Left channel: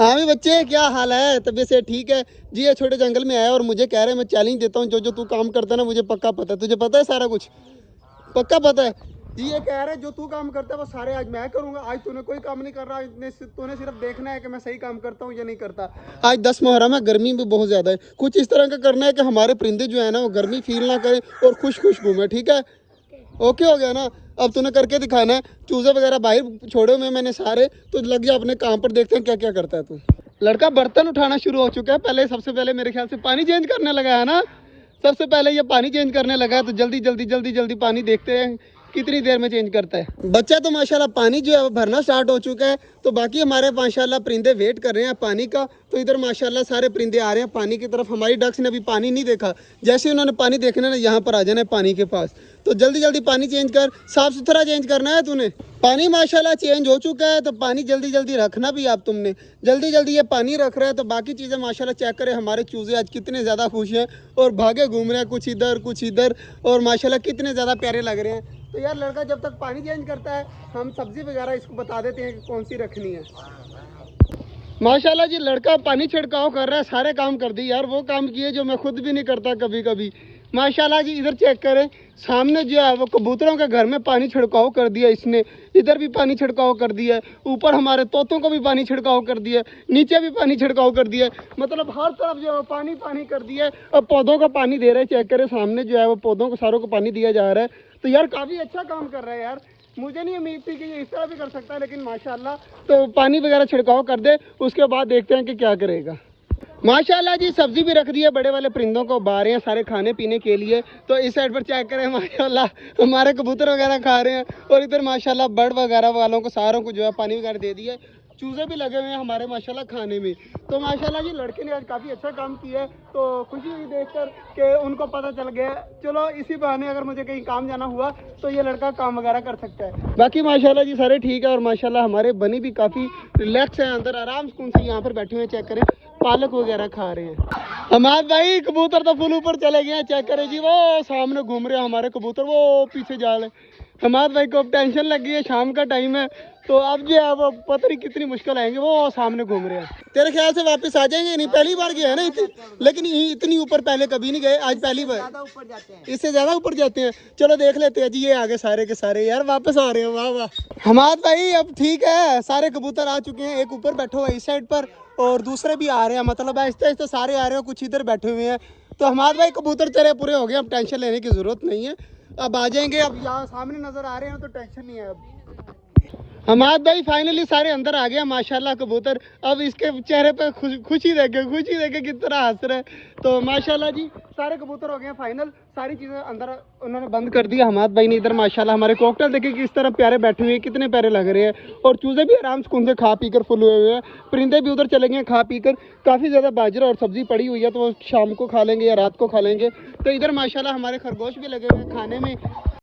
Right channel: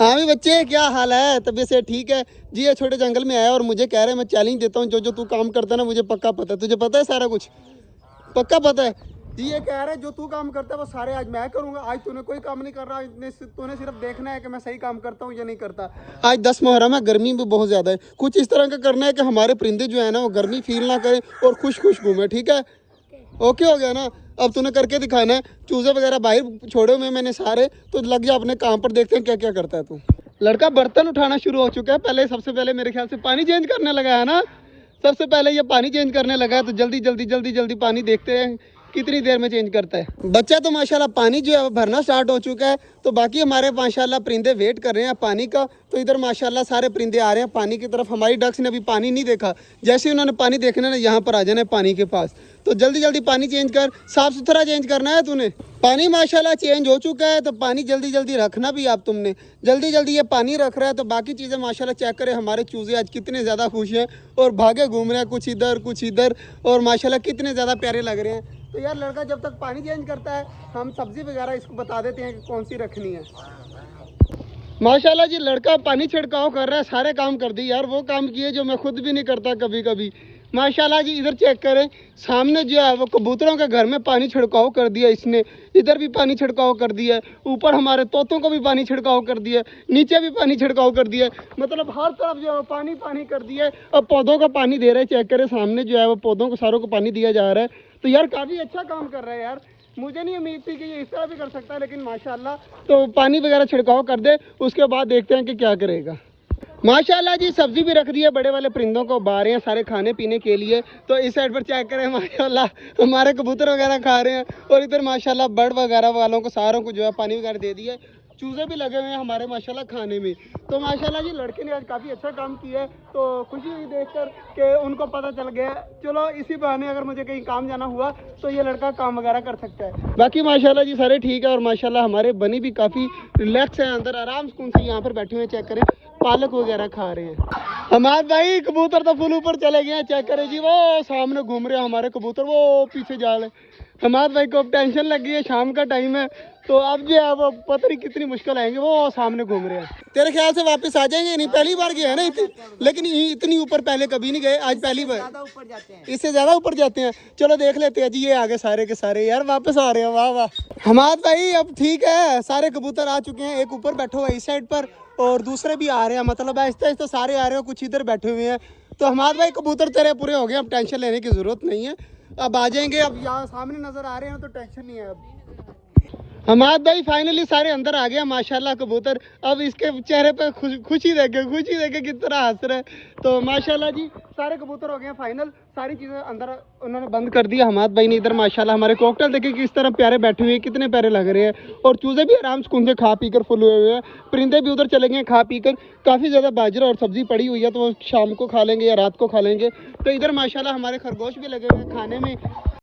हाँ भी बच्चे, क्या हाल है? तबीयत से ठीक है जी? ये छोटे जंगल में आया और मुझे कह रहे हैं, मैं चैलेंज देता हूँ, जो जो तू काम करता है ना मुझे पक्का पता है। तुझे पता है सारा कुछ? पक्का पता है जी? ये कह रहा है जो तू काम करता है वो सारे आज मैं करूंगा। आज तूने कोई काम नहीं कर रहा, तूने सिर्फ देखना है कि मैं सही काम करता हूँ या नहीं करता। आज 10 मुहर्रम है, गर्मी भी बहुत ज्यादा है। कुछ इस तरह का करना है कि हमारे परिंदे जो है ना वो गर्मी फील ना करें और खुश खुश घूमे, ठीक है? ओके हो गया ना? अब तूने करके दिखाना है। चूजे वगैरह बाहर छोड़े हुए मैंने सारे, तो लग जा अपने काम पर, देखते हैं क्या क्या करता है तू। लड़का बर्तन उठाना शुरू हो चुका है। पहले सबसे पहले मेरे ख्याल से पानी चेंज करने लगा है ना? सबसे पहले ये पानी चेंज करने लगा है, तो जल्दी जल्दी जल्दी जल्दी पानी देखते हैं कितनी देर में चेंज करता है। बच्चा तो माशाल्लाह पानी जो है वो भरना स्टार्ट हो चुका है। तो बाकी हमारे माशाल्लाह परिंदे वेट कर रहे हैं पानी का। तो इधर माशाल्लाह सारे परिंदे आ रहे हैं पानी की तरफ। हमारी डक्स ने अभी पानी नहीं देखा, जैसे उन्होंने पानी देखना ना यहाँ पर आ जाना है पानी के पास। तो जल्दी जल्दी पानी चेंज कर, साफ सुथरा चेंज करना है तूने। पानी माशाल्लाह चेंज हो चुका है, तो पानी जल्दी जल्दी रखना भी आप तुमने। जल्दी जल्दी ये पानी रख रहा है, तो बाकी चीज़ें माशाल्लाह चेक करें। हमारे चूजे आज कितने ज़्यादा खुश हैं और भागे घूम रहे हैं, कुछ इधर कुछ इधर, और माशाल्लाह कितने ज़्यादा प्यारे लग रहे हैं। तो यार लड़का जब तक पानी चेंज करता है, हम सब्जी वगैरह इसको बता देते हैं कि कौन सी रखनी है। माशाल्लाह जी, लड़का पानी छिड़काव कर रहा है, सारे काम कर दिए यार। वो काम किए जो मैं खुद भी नहीं करता कभी कभी। माशाल्लाह जी, इधर चेक करें, सामने जो है वो कबूतरों के घर में पानी छिड़काव कर दिया इसने। इधर भी पानी छिड़काव कर दिया, ऊपर हमारे तोतों को भी पानी छिड़काव कर दिया, नीचे भी पानी छिड़काव कर दिया। मतलब हर तरफ जो है पानी पानी कर दिया। अब पौधों का पानी दे रहे हैं, चेक करें सामने जो है वो पौधों को सारों को पानी दिया जा रहा है। तो यार काफ़ी अच्छा काम कर रहा है यार। मुझे नहीं उम्मीद थी कि ये इस तरह भी कर सकता है, लेकिन माशाल्लाह। तो पानी वगैरह छिड़काव कर दे, उसके बाद देखते हैं कि क्या करेगा। माशाल्लाह जी, सब्जी भी रख दी है, बड़े वाले परिंदों को बाहर हैं सारे खाने पीने के लिए। तो इस साइड पर चेक करें, माशाल्लाह हमारे कबूतर वगैरह खा रहे हैं। और इधर माशाल्लाह बर्ड वगैरह वालों को सारों को जो है पानी वगैरह दे दिया। चूजे भी लगे हुए हैं हमारे माशाल्लाह खाने में। तो माशाल्लाह जी, लड़के ने आज काफ़ी अच्छा काम किया है। तो खुशी हुई देखकर कि उनको पता चल गया। चलो इसी बहाने अगर मुझे कहीं काम जाना हुआ तो ये लड़का काम वगैरह कर सकता है। बाकी माशाल्लाह जी सारे ठीक है। और माशाल्लाह हमारे बनी भी काफ़ी रिलैक्स है, अंदर आराम सुकून से यहाँ पर बैठे हुए हैं। चेक करें, पालक वगैरह खा रहे हैं। हमारे भाई कबूतर तो फुल ऊपर चले गए हैं। चेक करें जी, वो सामने घूम रहे हैं हमारे कबूतर, वो पीछे जा रहे हैं। हमारे भाई को अब टेंशन लग गई है, शाम का टाइम है। तो अब जो है वो पता नहीं कितनी मुश्किल आएंगे, वो सामने घूम रहे हैं। तेरे ख्याल से वापस आ जाएंगे? नहीं, पहली बार गए हैं ना लेकिन इतनी ऊपर पहले कभी नहीं गए, आज पहली बार। इससे ज्यादा ऊपर जाते हैं। चलो देख लेते हैं जी, ये आगे सारे के सारे यार वापस आ रहे हैं। वाह वाह हमारे भाई, अब ठीक है, सारे कबूतर आ चुके हैं। एक ऊपर बैठा हुआ है इस साइड पर, और दूसरे भी आ रहे हैं। मतलब आहिस्ता आहिस्ता सारे आ रहे हैं, कुछ इधर बैठे हुए हैं। तो हमारे भाई कबूतर तेरे पूरे हो गए, अब टेंशन लेने की जरूरत नहीं है। अब आ जाएंगे, अब यहाँ सामने नजर आ रहे हैं तो टेंशन नहीं है अब। हमाद भाई फाइनली सारे अंदर आ गया माशाल्लाह कबूतर। अब इसके चेहरे पर खुशी देखे किस तरह हंस रहे। तो माशाल्लाह जी सारे कबूतर हो गए हैं फाइनल। सारी चीज़ें अंदर उन्होंने बंद कर दिया हमाद भाई ने। इधर माशाल्लाह हमारे कॉकटेल देखे किस तरह प्यारे बैठे हुए हैं, कितने प्यारे लग रहे हैं। और चूजे भी आराम सुकून से खा पी कर फुल हुए हुए हैं। परिंदे भी उधर चले गए खा पी कर। काफ़ी ज़्यादा बाजरा और सब्जी पड़ी हुई है, तो वो शाम को खा लेंगे या रात को खा लेंगे। तो इधर माशाल्लाह हमारे खरगोश भी लगे हुए हैं खाने में।